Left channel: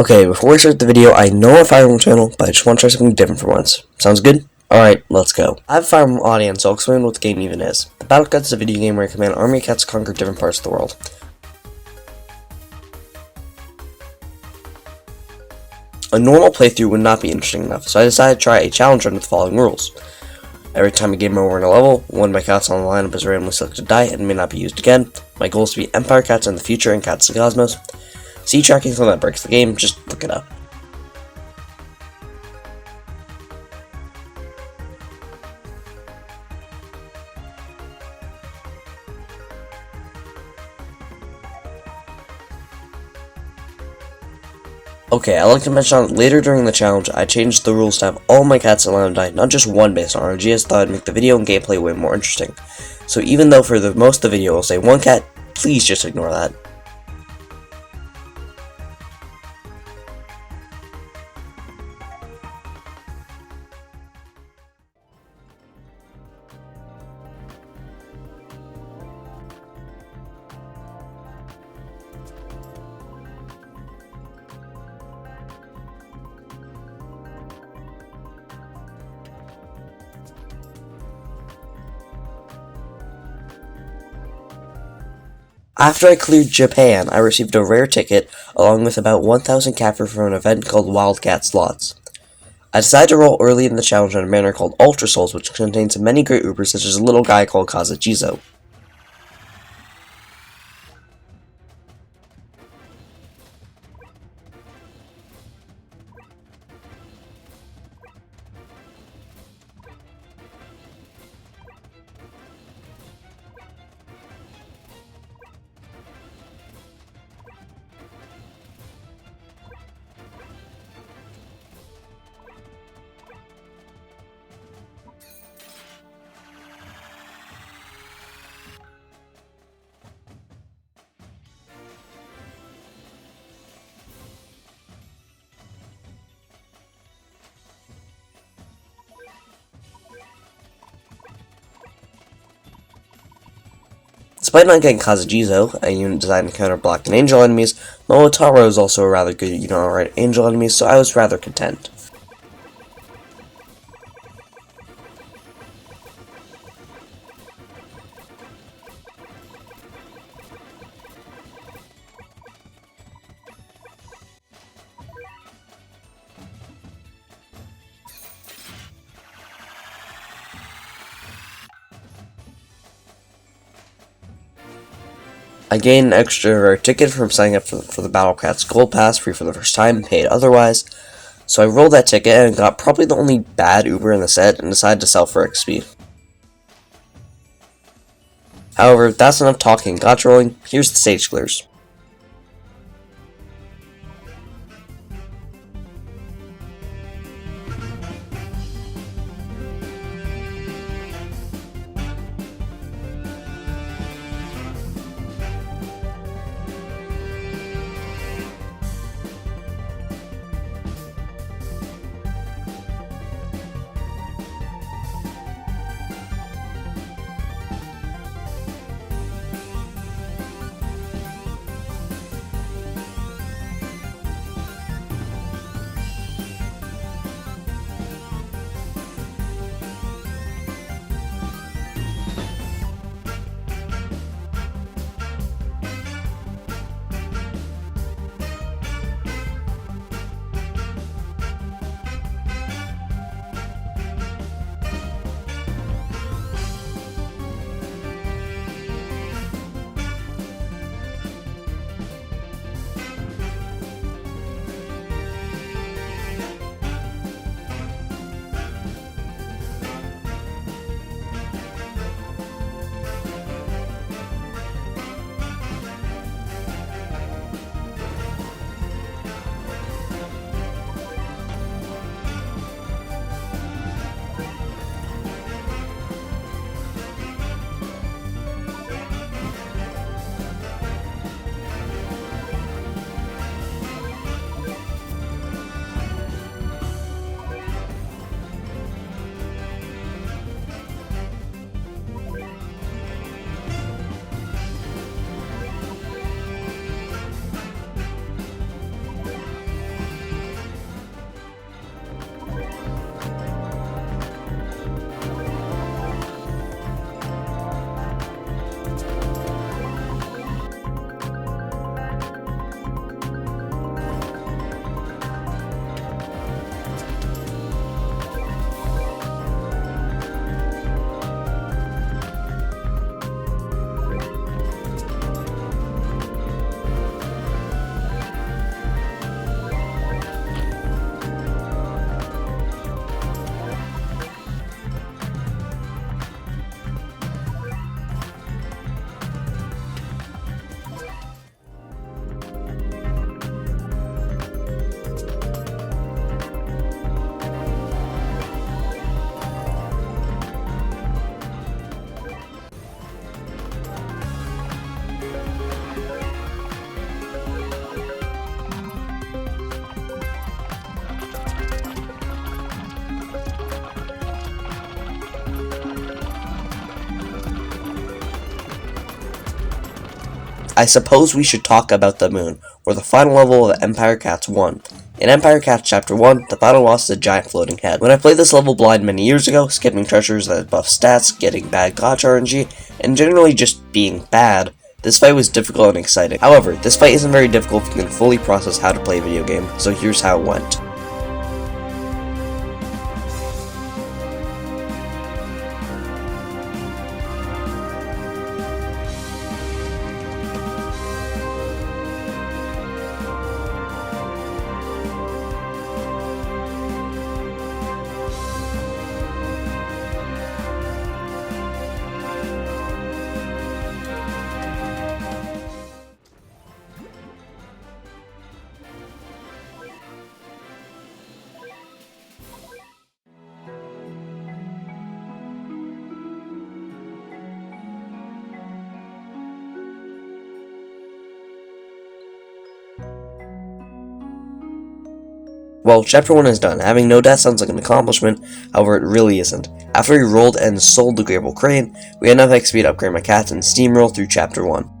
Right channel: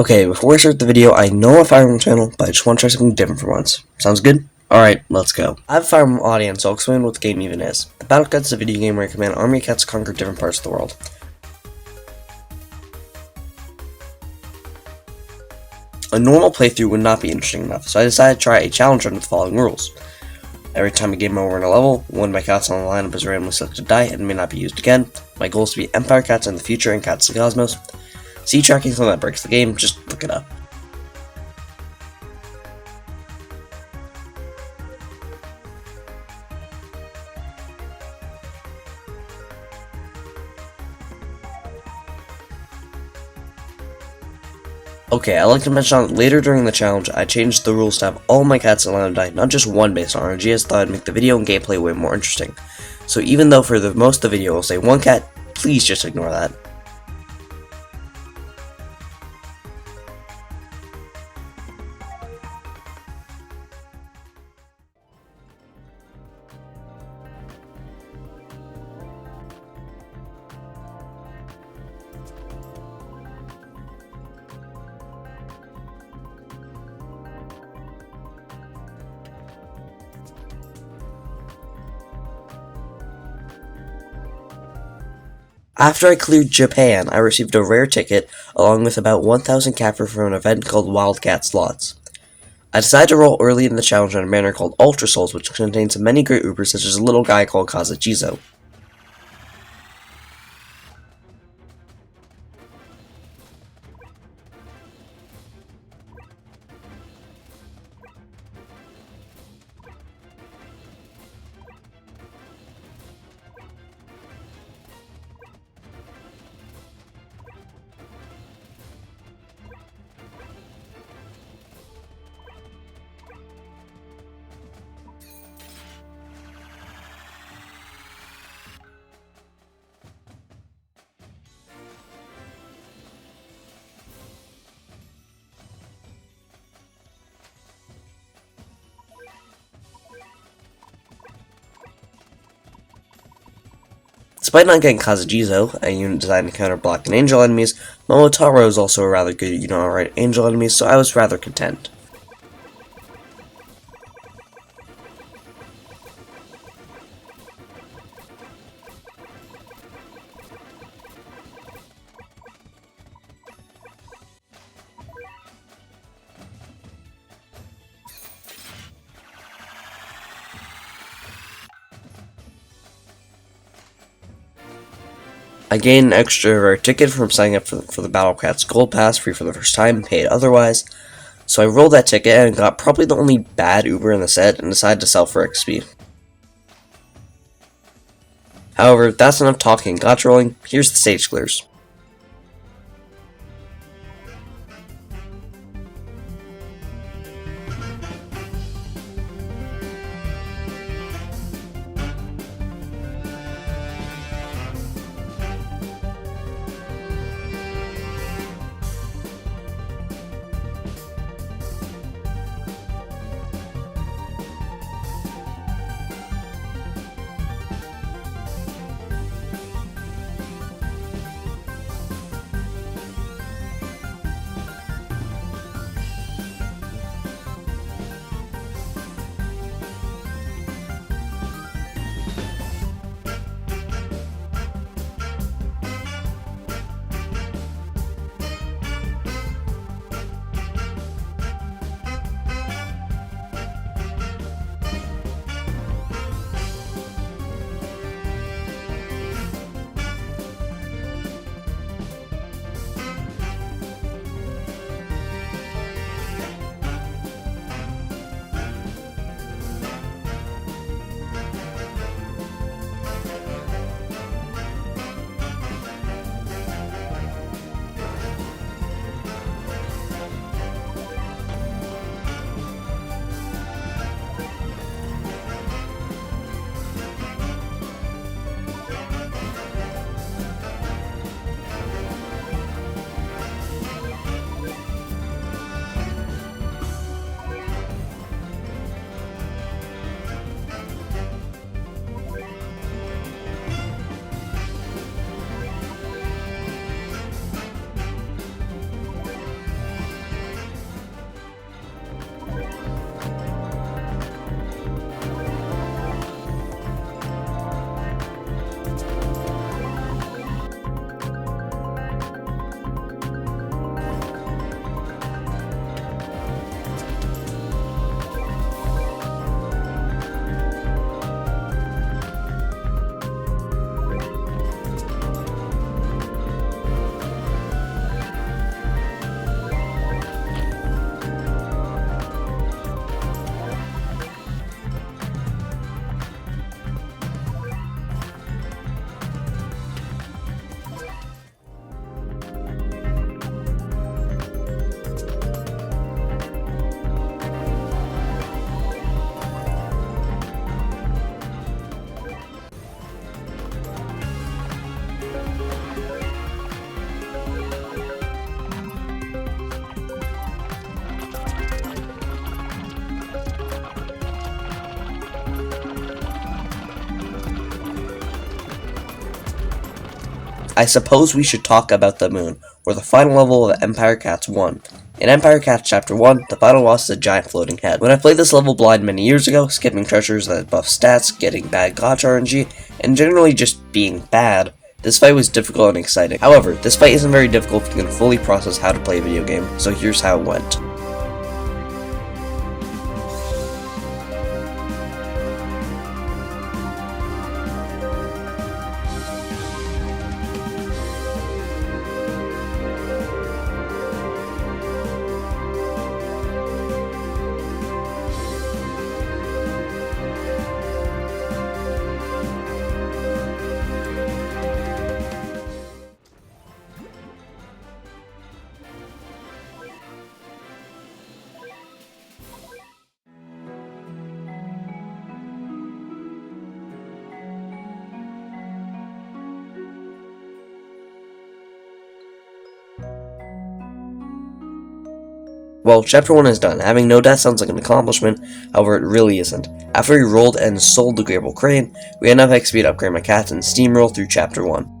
Okay, before I start the video, I know I Fire Emblem channel, but I just want to try something different for once. Sounds good? Alright, let's go. I have a Fire Emblem audience, so I'll explain what the game even is. The Battle Cats is a video game where I command army cats to conquer different parts of the world. A normal playthrough would not be interesting enough, so I decided to try a challenge run with the following rules. Every time a game over in a level, one of my cats on the lineup is randomly selected to die and may not be used again. My goal is to be Empire Cats in the future and Cats of the Cosmos. See tracking something that breaks the game, just look it up. Okay, I'd like to mention that later during the challenge, I changed the rules to have all my cats allowed to die, not just one based on RNG, as thought I'd make the video and gameplay way more interesting. So even though for the most of the video I'll say one cat, please just ignore that. After I cleared Japan, I received a rare ticket, along with about 1,000 capture from an event called Wildcat Slots. I decided to roll early in the challenge in a manner called Ultra Souls, which contains many great Ubers such as a little guy called Kazuchizo. Despite not getting Kazuchizo, a unit designed to counter block and angel enemies, Momotaro is also a rather good unit to outright angel enemies, so I was rather content. I gained an extra rare ticket from signing up for the Battle Cats Gold Pass, free for the first time, paid otherwise. So I rolled that ticket and got probably the only bad Uber in the set and decided to sell for XP. However, that's enough talking and gotcha rolling, here's the stage clears. I suppose we should talk about the moon, where the final level of Empire Cats 1. In Empire Cats Chapter 1, the final boss is a giant floating head. When I played this level blind many years ago, skipping treasures that buff stats, getting bad gotcha RNG, and generally just being bad, this fight was difficult and exciting. However, this fight isn't very difficult if you can fully process how to play a video game, so here's how it went. Well, Chapter 1 is done. Having no death sounds like an accomplishment, however it really isn't. After we rolled and sold the Grable Crane, we had enough XP to upgrade my cats and steamroll through Chapter 1.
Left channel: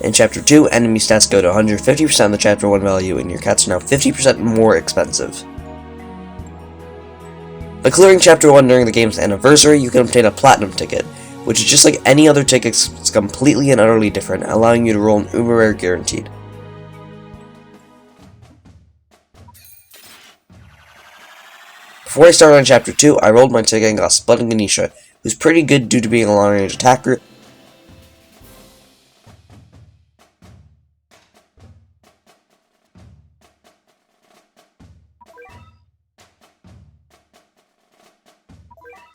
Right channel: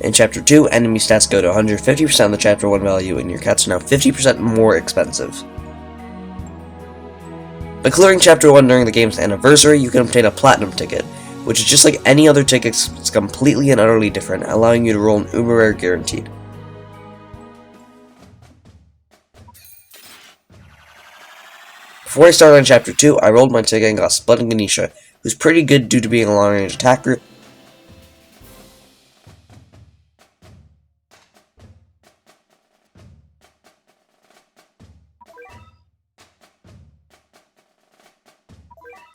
In Chapter 2, enemy stats go to 150% of the Chapter 1 value, and your cats are now 50% more expensive. By clearing Chapter 1 during the game's anniversary, you can obtain a Platinum ticket, which is just like any other tickets, it's completely and utterly different, allowing you to roll an uber rare guaranteed. Before I started on Chapter 2, I rolled my ticket and got Spud and Ganesha, who's pretty good due to being a long-range attacker.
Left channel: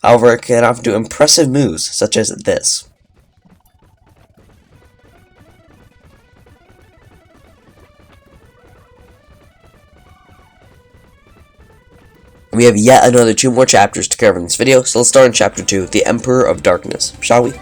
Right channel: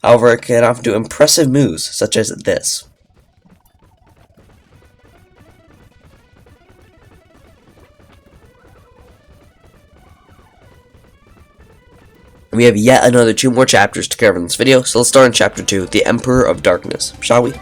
However, it can often do impressive moves, such as this. We have yet another 2 more chapters to cover in this video, so let's start in Chapter 2, The Emperor of Darkness, shall we?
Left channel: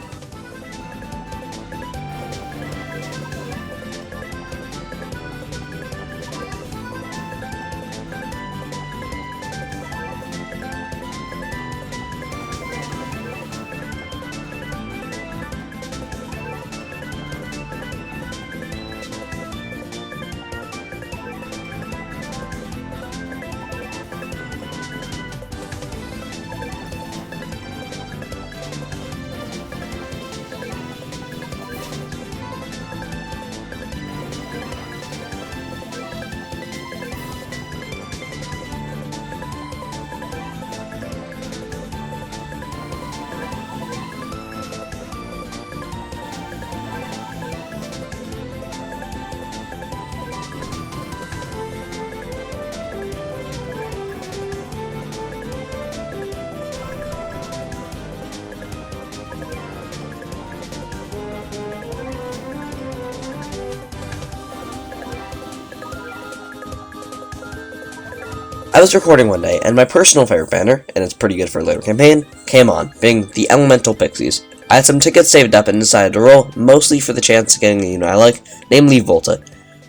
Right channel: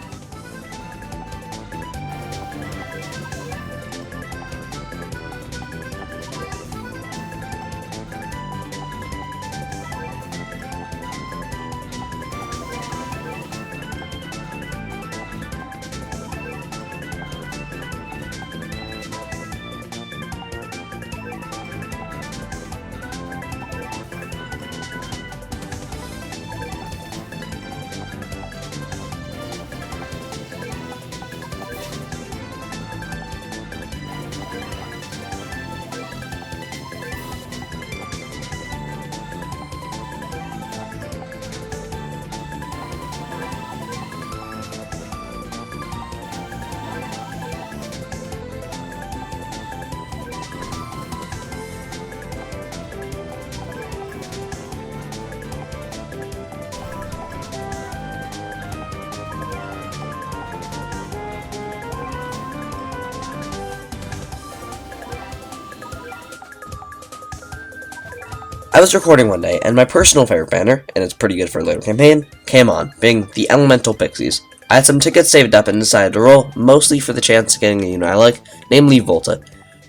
I was recording one day, and my personal favorite banner, and it's pretty good for a later campaign, came on, being the Elemental Pixies. I had some tickets saved up and decided to roll, mostly for the chance of getting a unit I like, namely Volta.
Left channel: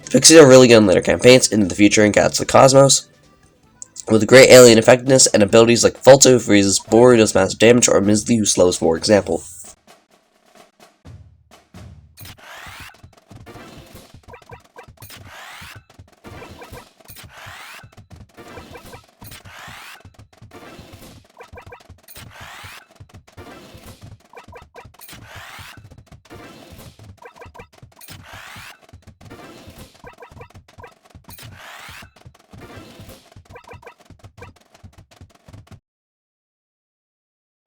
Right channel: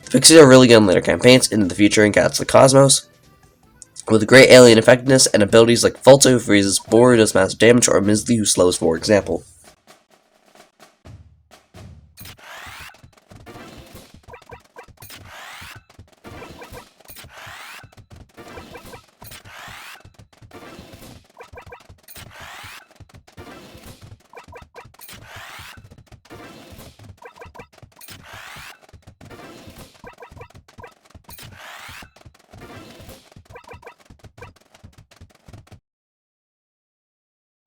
The Pixies are really good in later campaigns, into the future and Cats of the Cosmos, with great alien effectiveness and abilities like Volta who freezes, Boar who does massive damage, or Misley who slows, for example.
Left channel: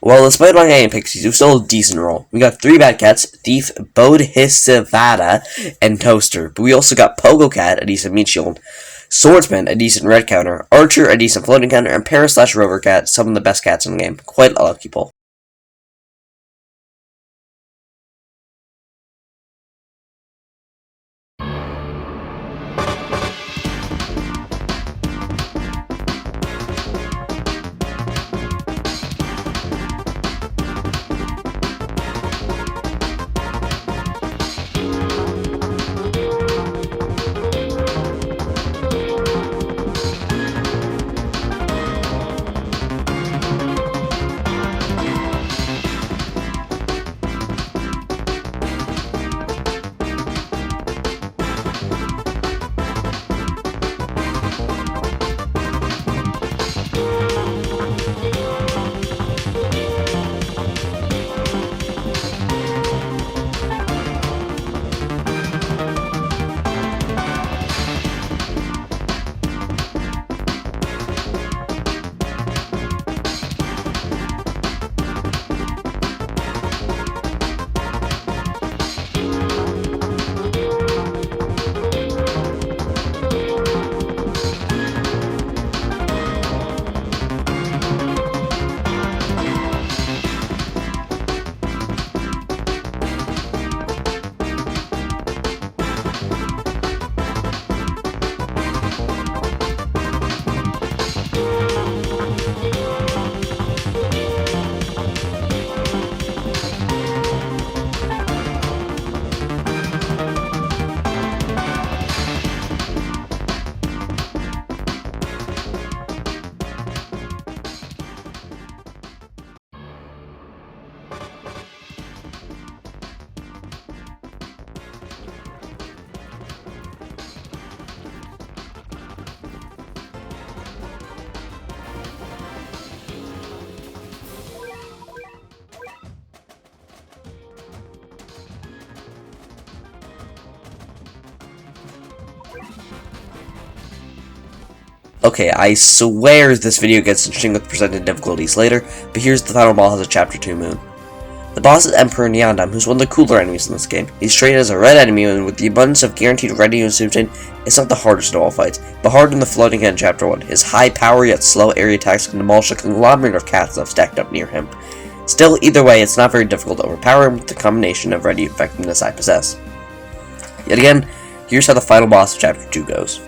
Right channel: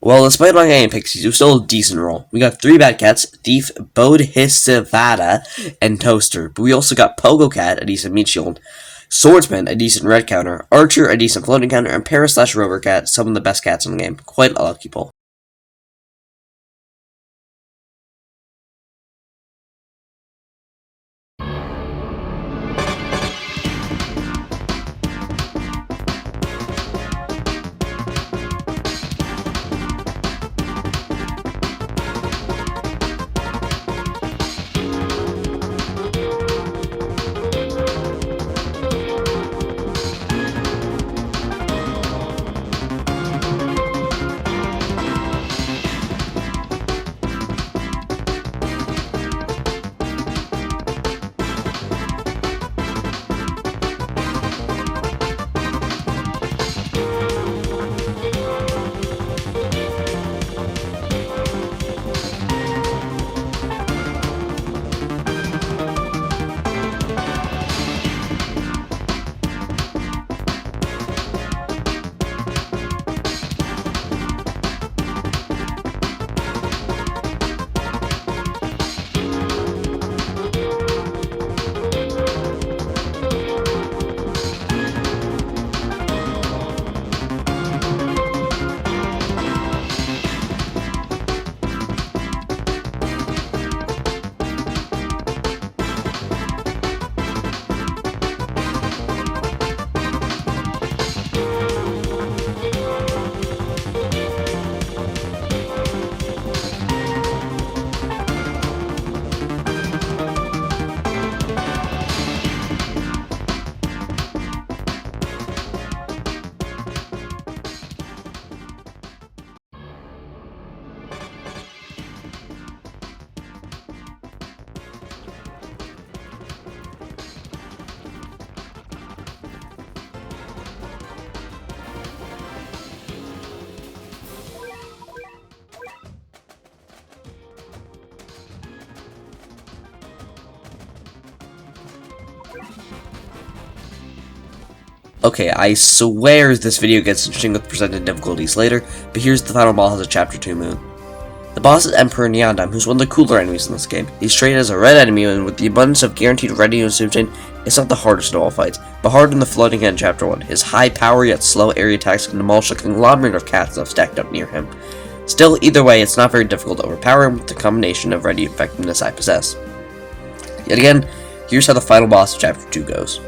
Well, despite my name Pixies, it was still a decent roll. We got 3 bad cats, Thief, Bodhisvada, and Toaster. But we also got Pogo Cat, a decent meat shield, Swordsman, a decent red counter, Archer, a decent floating counter, and Para/Rover Cat, some of the best cats in the game. Quite a lucky pull. Okay, I swear this video gets interesting with presented difficulties later, but here's the final boss of Chapter 2 Moon. The boss is Emperor Neondime, who's one of the cooler enemies in this game. He's treated as a red enemy, and with the abundance of guaranteed red units to obtain, it's not the hardest of all fights, but harder than the floating head in Chapter 1. His high power yet slow area attacks can demolish a conglomerate of cats that have stacked up near him. Still, either way, it's not very difficult to overpower him with the combination of ready effectiveness I possess. Yet again, here's how the final boss of Chapter 2 goes.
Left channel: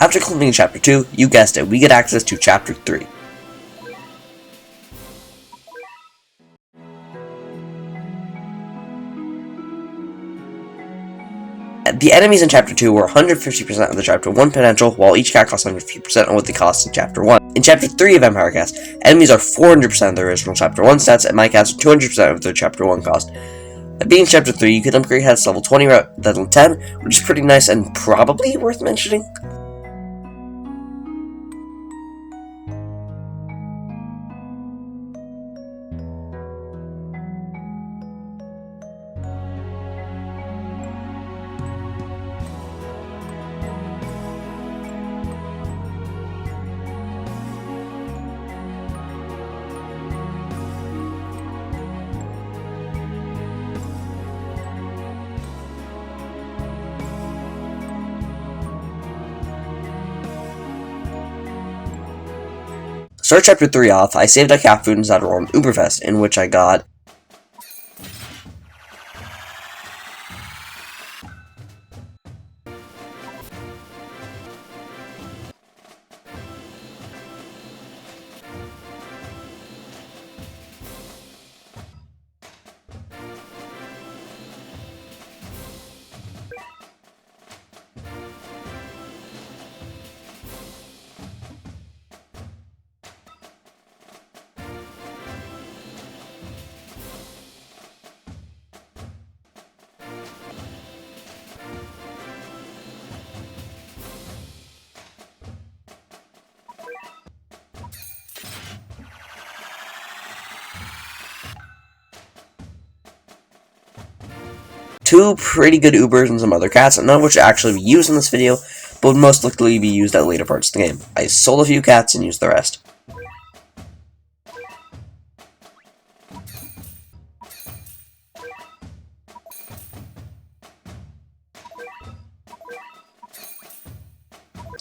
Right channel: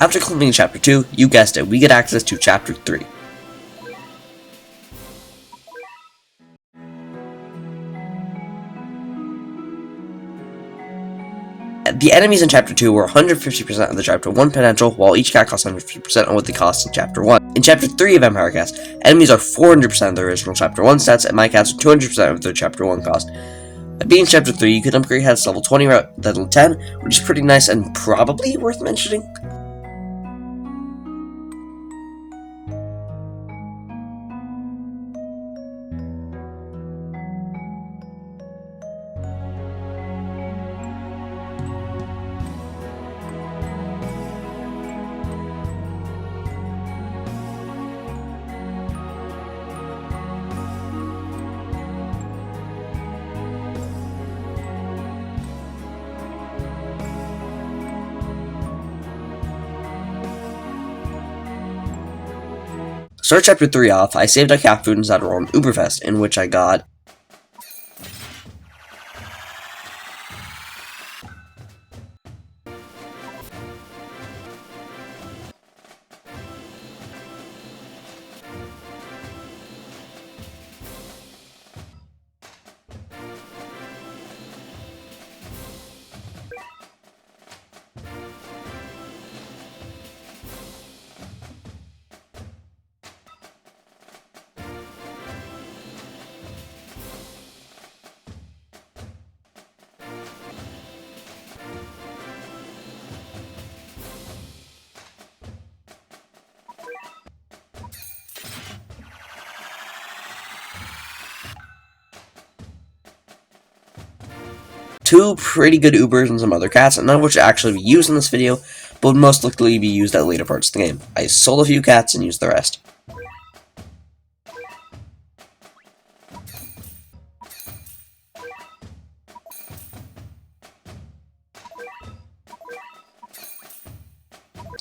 After completing Chapter 2, you guessed it, we get access to Chapter 3. The enemies in Chapter 2 were 150% of the Chapter 1 potential, while each cat costs 150% of what they cost in Chapter 1. In Chapter 3 of Empire Cats, enemies are 400% of the original Chapter 1 stats, and my cats are 200% of their Chapter 1 cost. By being Chapter 3, you can upgrade cats to level 20 rather than 10, which is pretty nice and probably worth mentioning. Start Chapter 3 off, I saved a cat food inside a roll on Uberfest, in which I got two pretty good Ubers and some other cats, none of which actually be used in this video, but would most likely be used at later parts of the game. I sold a few cats and used the rest.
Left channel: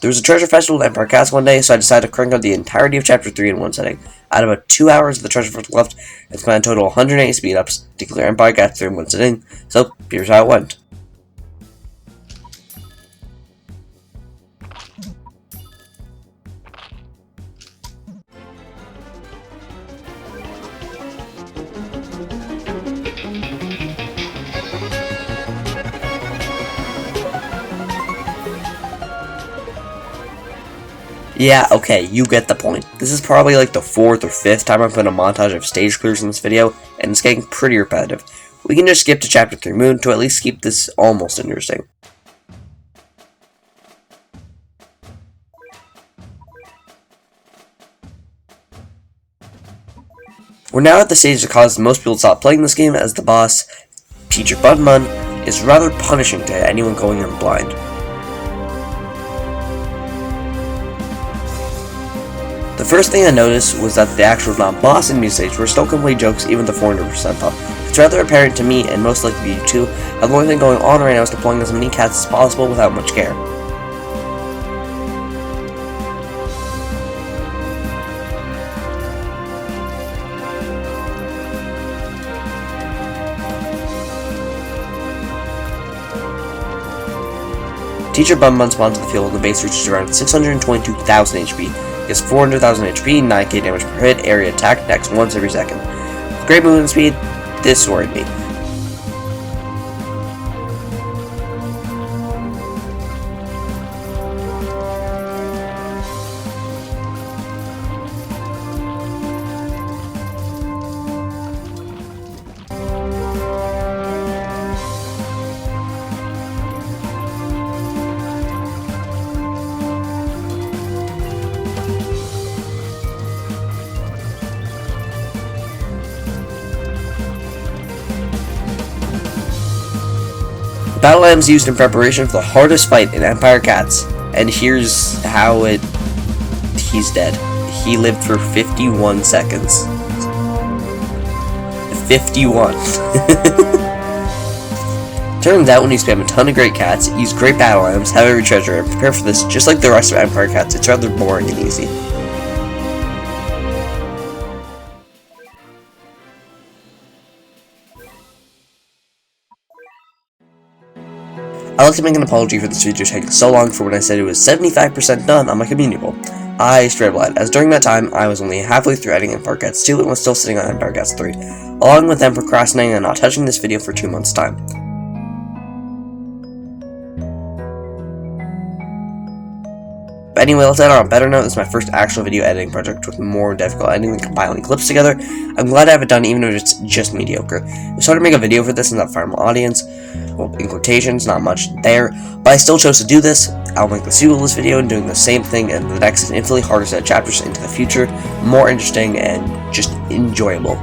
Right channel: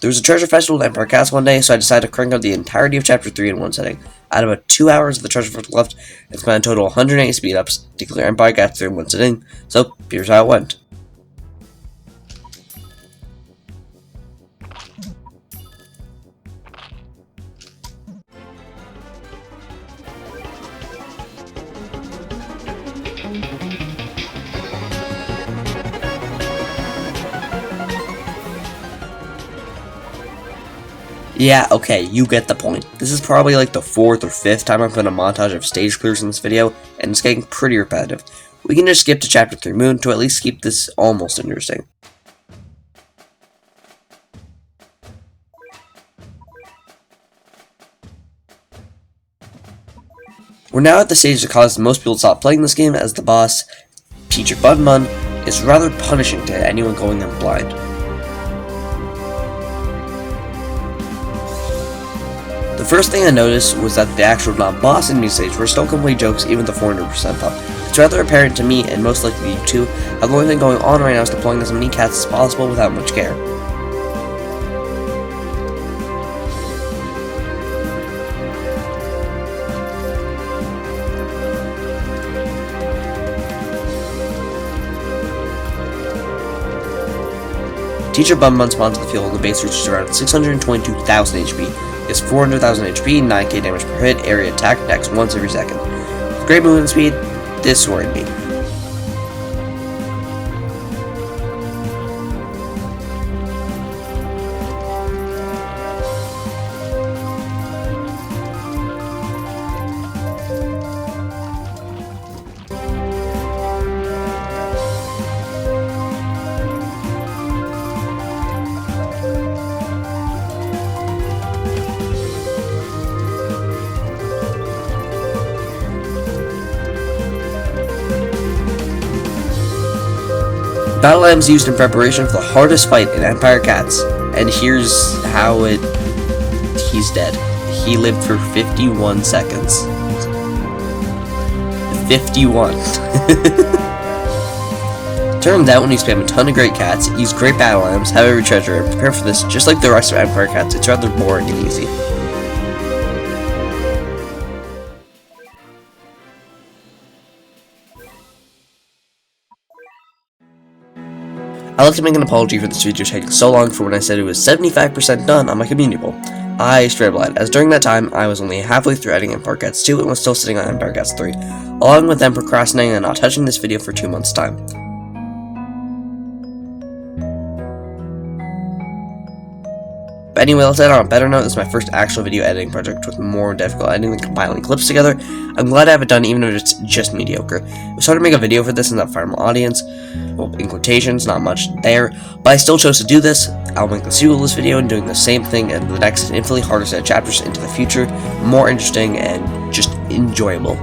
There was a treasure festival at Empire Cats one day, so I decided to crank out the entirety of Chapter 3 in one setting. I had about 2 hours of the treasure festival left, and spent a total of 180 speed-ups to clear Empire Cats 3 in one sitting, so here's how it went. Yeah, okay, you get the point. This is probably like the 4th or 5th time I've done a montage of stage clears in this video, and it's getting pretty repetitive. We can just skip to Chapter 3 Moon to at least keep this almost interesting. We're now at the stage that caused most people to stop playing this game, as the boss, Teacher Budmun, is rather punishing to anyone going in blind. first thing I noticed was that the actual non-boss enemies stage were still complete jokes even the 400% thought. It's rather apparent to me, and most likely to you too, how the only thing going on right now is deploying as many cats as possible without much care. Teacher Bun Bun spawns the field when the base reaches around 622,000 HP. He has 400,000 HP, 9k damage per hit, area attack, attacks once every second. With great movement speed, this worried me. Battle items used in preparation for the hardest fight in Empire Cats, and here's how he's dead. He lived for 51 seconds. 51. Turns out when you spam a ton of great cats, use great battle items, have every treasure, and prepare for this just like the rest of Empire Cats, it's rather boring and easy. I'd like to make an apology for this video taking so long for when I said it was 75% done on my community poll. I straight up lied, as during that time, I was only halfway through editing Empire Cats 2 and was still sitting on Empire Cats 3, along with them procrastinating and not touching this video for 2 months' time. But anyway, let's end on a better note. This is my first actual video editing project with more difficult editing than compiling clips together. I'm glad I have it done even though it's just mediocre. It was hard to make a video for this in that final audience. Well, in quotations, not much there, but I still chose to do this. I'll make the sequel to this video and doing the same thing and the next infinitely harder set of chapters into the future, more interesting and just enjoyable.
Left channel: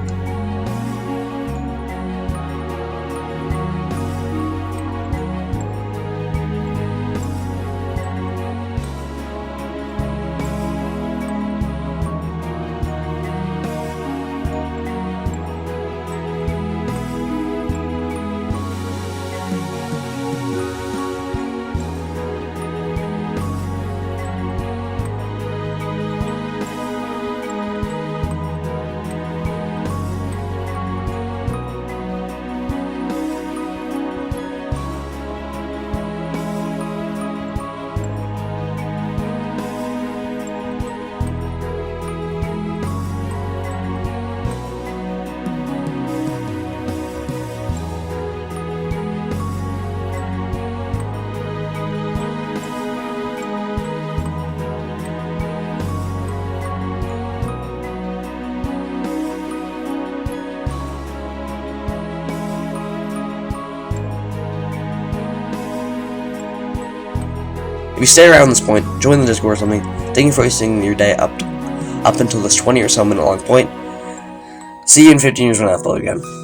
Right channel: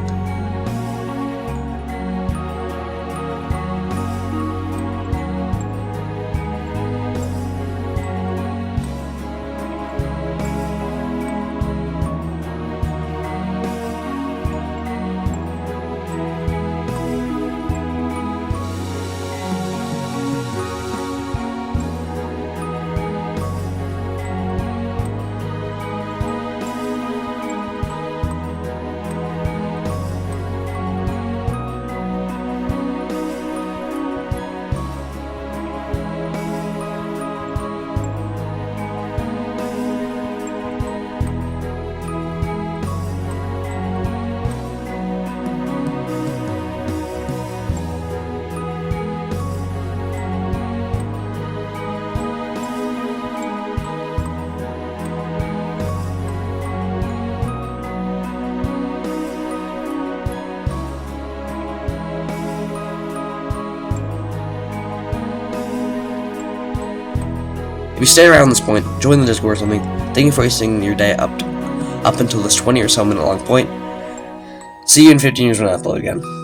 If you stay around this point, join the Discord or something. Thank you for wasting your day up until this 20 or so minute long point. See you in 15 years when I upload again.